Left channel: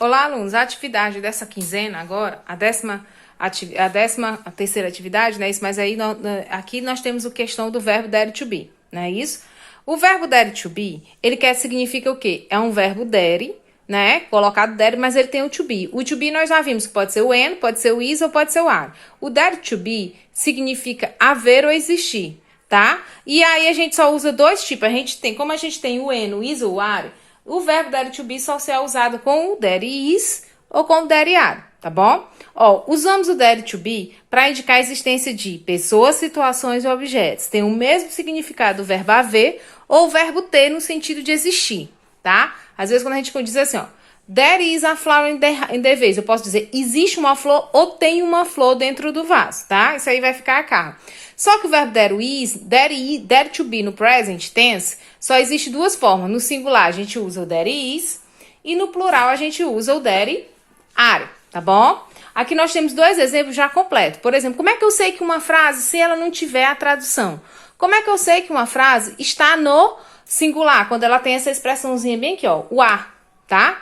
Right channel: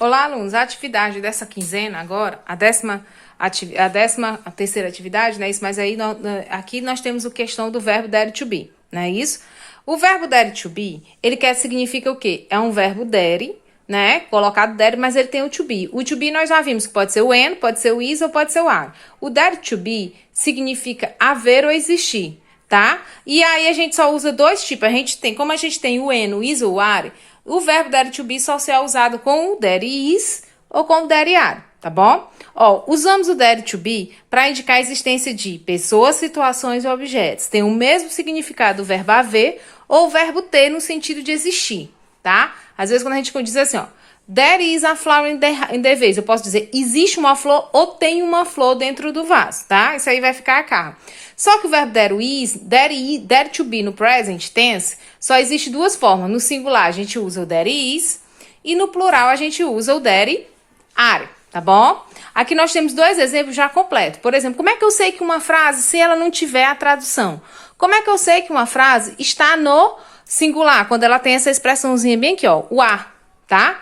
Olá, alunos. A atividade dessa quinzena agora, a décima terceira atividade, né? Isso, mas aí aqui nós temos a questão do verbo dare to be, não é isso? O verbo dare to be, ele significa o quê? É um verbo dare, né? Colocado dare, mas ele tem o to be. O to be nós já vimos que pode ser o and, pode ser o is ou pode ser o are. O dare to be significa haver ou existir, tá? E aí a gente só usa dois tipos. Como a gente tem o and, o is ou o are, o verbo dare to be só se é usado com o dare is ou com o dare are, tá bom? Ó, usamos o dare to be para indicar a existência de pessoas, situações ou objetos. Tem o mesmo significado do verbo haver ou o verbo ter no sentido de existir, tá? Às vezes quando a gente diz assim, ó, there is a flower in the vase, eu posso dizer existe uma flor ou tem uma flor dentro do vaso, tá? Isso aí vai ficar a carro. Só que o verbo dare to be no present tense só existe duas formas. No singular a gente usa o there is e no plural a gente usa o there are, tá bom? Aqui nós temos dois exemplos já completos. Por exemplo, como é que eu sei que uma frase, se ela não tiver a tradução? Como é que eu sei que uma frase está no singular, quando ela tem essa expressãozinha bem aqui, ó, o are, tá?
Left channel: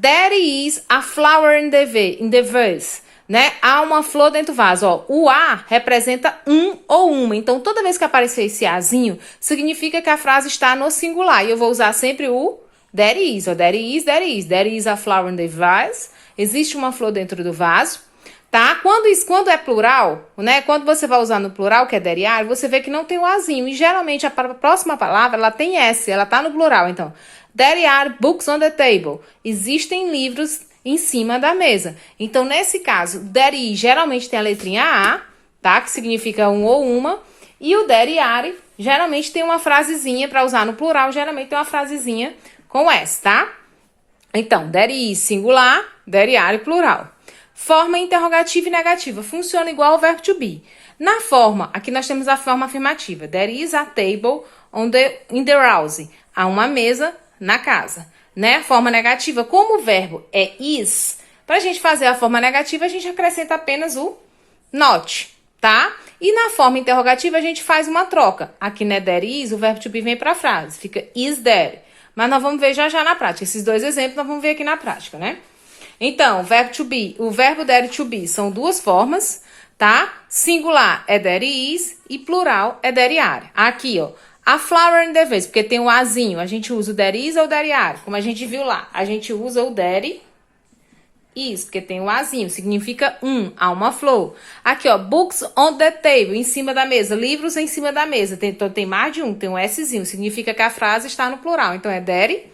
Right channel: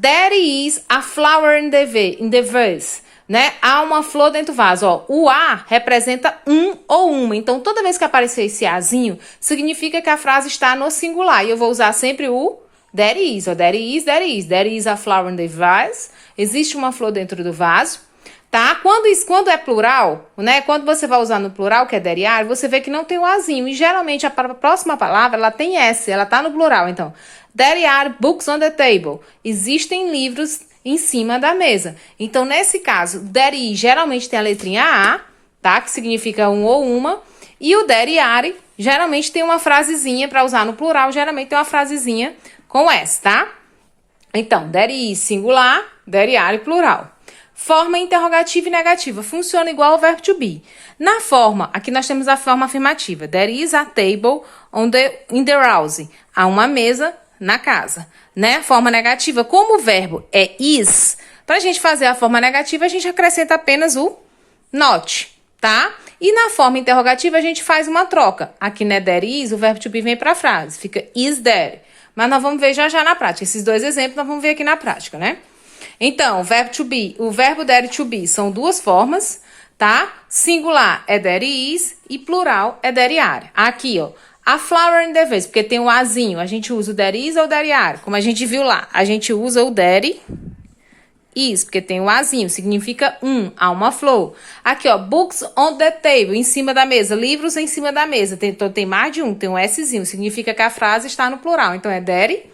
There is a flower in the vase, né? Há uma flor dentro do vaso, ó. O a representa um ou uma. Então, toda vez que aparecer esse azinho, significa que a frase está no singular. E eu vou usar sempre o there is, ó. There is, there is. There is a flower in the vase. Existe uma flor dentro do vaso, tá? Quando é plural, né? Quando você vai usar no plural, que é there are, você vê que não tem o azinho. E geralmente a próxima palavra, ela tem S, ela tá no plural. Então, there are books on the table. Existem livros em cima da mesa. Então, nesse caso, there is geralmente tem a letrinha A, tá? Que significa um ou uma. E o there are geralmente tem uma frasezinha para usar no plural, geralmente tem uma frasezinha com S, tá? Então, there is singular, there are plural. Forma interrogativa e negativa. Funciona igual ao verbo to be. Na forma, aqui nós temos a forma afirmativa. There is a table in the house. Há uma mesa na casa. Né? Forma negativa, como o verbo é is, para a gente fazer a forma negativa, a gente acrescenta apenas o not, tá? E na forma interrogativa, a gente faz uma troca. Aqui, né, there is, o verbo to be vem para a frase. Fica is there. Mas nós vamos ver já na prática. Esses dois exemplos nós vamos ver aqui na prática, né? Então, o verbo there to be são duas formas, tá? Singular é there is e plural é there are. Aqui, ó. A flower in the vase, porque tem o azinho, a gente usa o there is ou o there are. Como a gente viu lá, a gente usa o there is, porque tem o azinho, significa há uma flor. Aqui, ó, books on the table, em cima da mesa, livros em cima da mesa. Então, tem mais de um, tem um Szinho, significa que a frase está no plural. Então, é there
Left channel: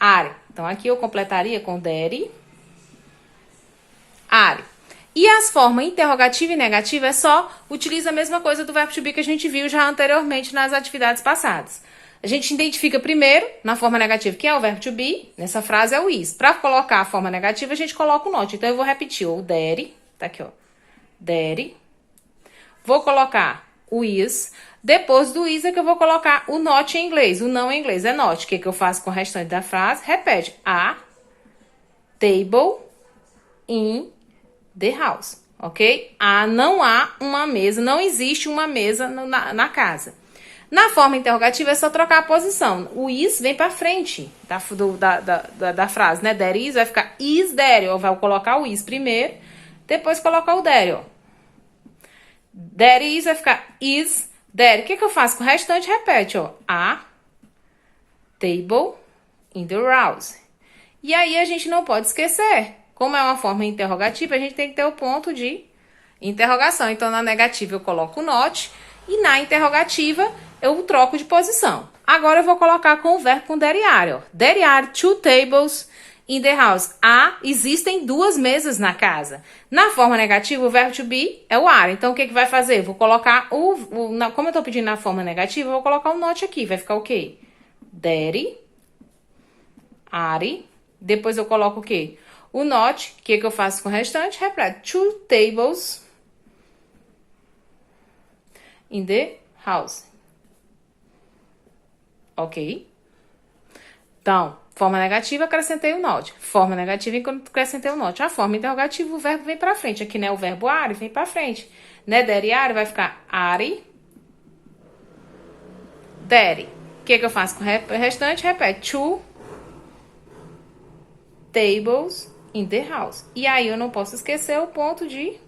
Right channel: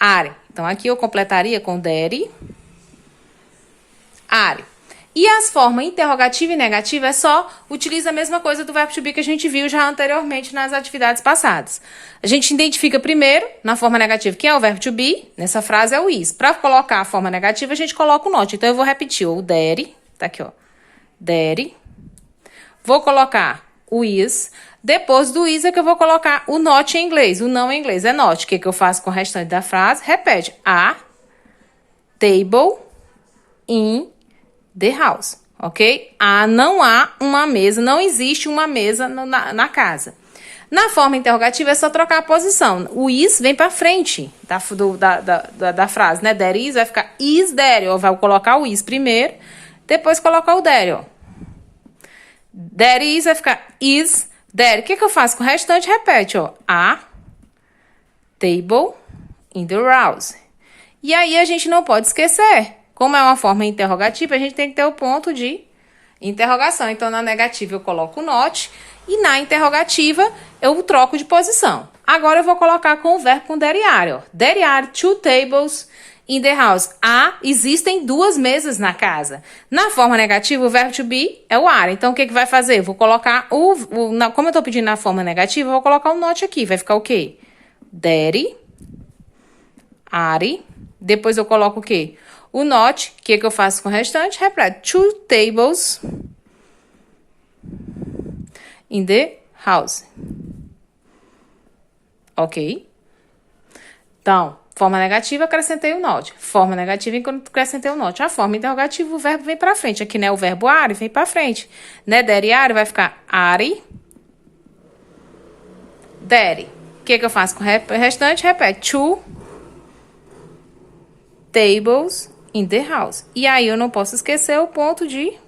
are. Então, aqui eu completaria com there are. E as formas interrogativa e negativa só utiliza a mesma coisa do verbo to be que a gente viu já anteriormente nas atividades passadas. A gente identifica primeiro, na forma negativa, quem é o verbo to be. Nessa frase é o is. Para colocar a forma negativa, a gente coloca o not. Então, eu vou repetir o there. Tá aqui, ó. There. Vou colocar o is. Depois do is é que eu vou colocar o not em inglês. O não em inglês é not. O que eu faço com o restante da frase? Repete. A table in the house, ok? Não há uma mesa, não existe uma mesa na casa. Na forma interrogativa é só trocar a posição. O is vem para frente da frase, né? There is vai ficar is there, ó. Vai colocar o is primeiro, depois colocar o there, ó. There is vai ficar is there. O que eu faço com o restante? Repete, ó. A table in the house. E aí a gente não pode esquecer. Como é uma forma interrogativa, a gente tem que ter o ponto de interrogação. Então, na negativa, eu coloco o not. E na interrogativa, eu troco de posição. Agora, eu vou colocar com o verbo com there are. Ó. There are two tables in the house. Existem duas mesas na casa. Na forma negativa, o verbo to be é o are. Então, o que vai fazer? Eu vou colocar como eu estou pedindo na forma negativa, eu vou colocar o not aqui. Vai ficar o quê? There are. Depois, eu coloco o quê? O not, o que eu faço com o restante? Repete. Two tables in the house. Ok? Então, forma negativa, acrescentei o not. Forma negativa, acrescentei o not. A forma interrogativa, o verbo vem pra frente. Aqui, né, o verbo are vem pra frente. Né, there are vai ficar are. There. O que eu faço com o restante? Repete. Two tables in the house. E aí eu não posso esquecer o ponto de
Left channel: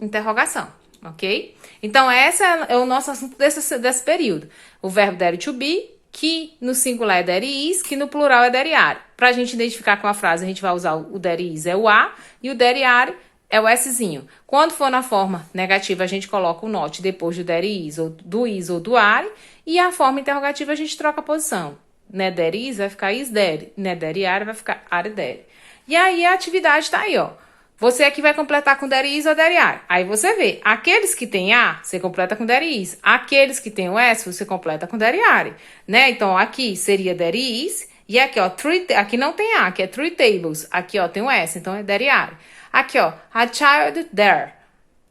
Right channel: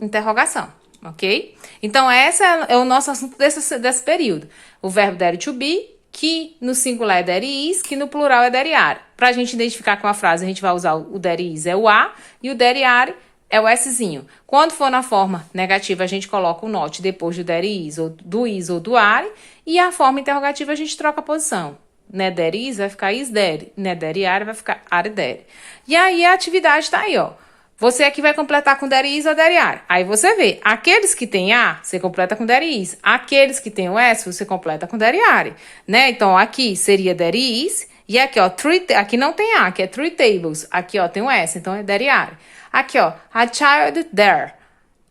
interrogação, ok? Então, esse é o nosso assunto desse período. O verbo there to be, que no singular é there is, que no plural é there are. Pra gente identificar com a frase, a gente vai usar o there is, é o a, e o there are é o szinho. Quando for na forma negativa, a gente coloca o not depois do there is, ou do are, e a forma interrogativa a gente troca a posição. Né, there is vai ficar is there, né, there are vai ficar are there. E aí a atividade tá aí, ó. Você aqui vai completar com there is ou there are. Aí você vê, aqueles que tem a, você completa com there is. Aqueles que tem o s, você completa com there are. Né? Então, aqui seria there is. E aqui, ó, aqui não tem a, aqui é 3 tables. Aqui, ó, tem o s, então é there are. Aqui, ó, a child there.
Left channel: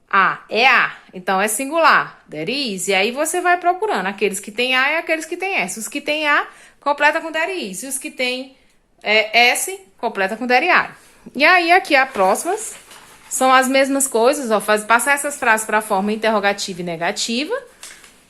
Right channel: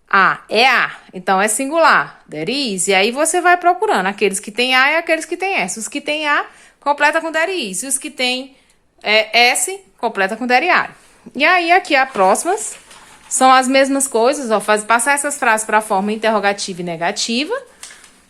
A é a, então é singular. There is. E aí você vai procurando aqueles que tem a e aqueles que tem s. Os que tem a, completa com there is. E os que tem s, completa com there are. E aí, aqui, as próximas são as mesmas coisas, ó, passar essas frases para a forma interrogativa e negativa,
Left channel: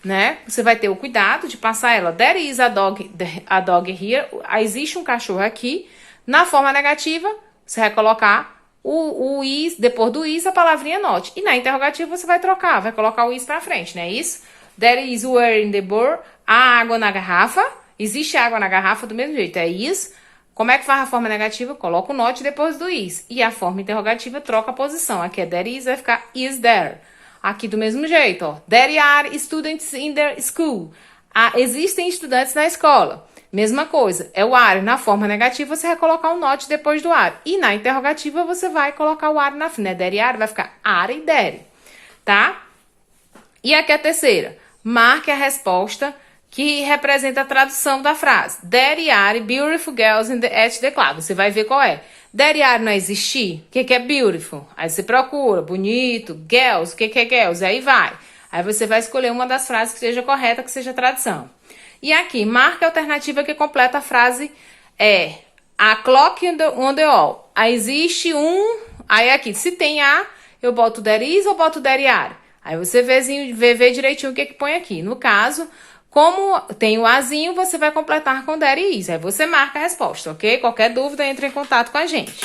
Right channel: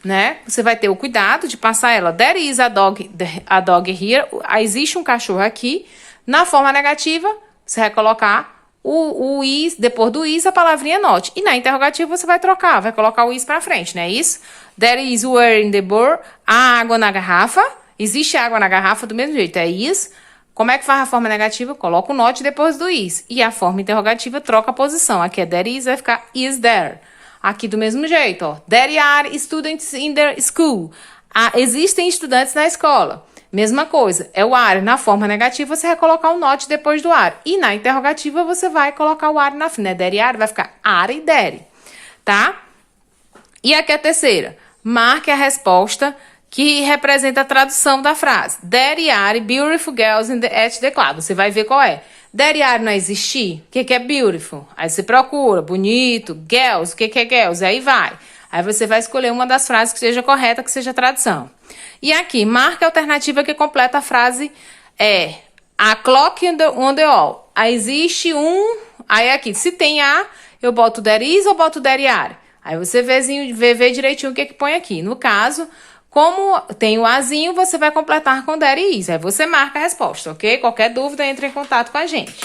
né? Você vai ter o cuidado de passar ela. There is a dog here. Existe um cachorro aqui. Na forma negativa, você vai colocar o is, depois do is, a palavrinha not. E na interrogativa, você vai trocar, vai colocar o is para frente, não é isso? There is water in the bowl. Há água na garrafa. Existe água na garrafa do mesmo jeito, é is. Como é que faz a forma negativa? Coloca o not depois do is. E a forma interrogativa troca a posição. Aqui é there is, vai ficar is there. Aqui do mesmo jeito, ó. There are students in the school. Existem estudantes na escola. Mesma coisa, é o are. Na forma negativa, você vai colocar o not depois do are. E na interrogativa, você vai colocar o are na frente. Né? There are, vai ficar are e there. Tá? E aqui é a terceira. Marque a resposta que representa a tradução da frase. There are beautiful girls at the club. Você vai ver qual é. There are não existir? O que é beautiful? Aí você procura, bonito, girls, o que é girls? Aí vai. Aí você vai escolher uma das frases que seja correta, que seja a tradução. E aqui, marca a alternativa que completa a frase a clock on the wall. Aí existe aí aqui, se tem a, eu boto there is ou boto there are? Aí você vê direitinho o que põe aqui. No caso, como tem o azinho, você vai completar com there is. Aí você marca a resposta, ok? Qualquer dúvida, entre em contato com a gente.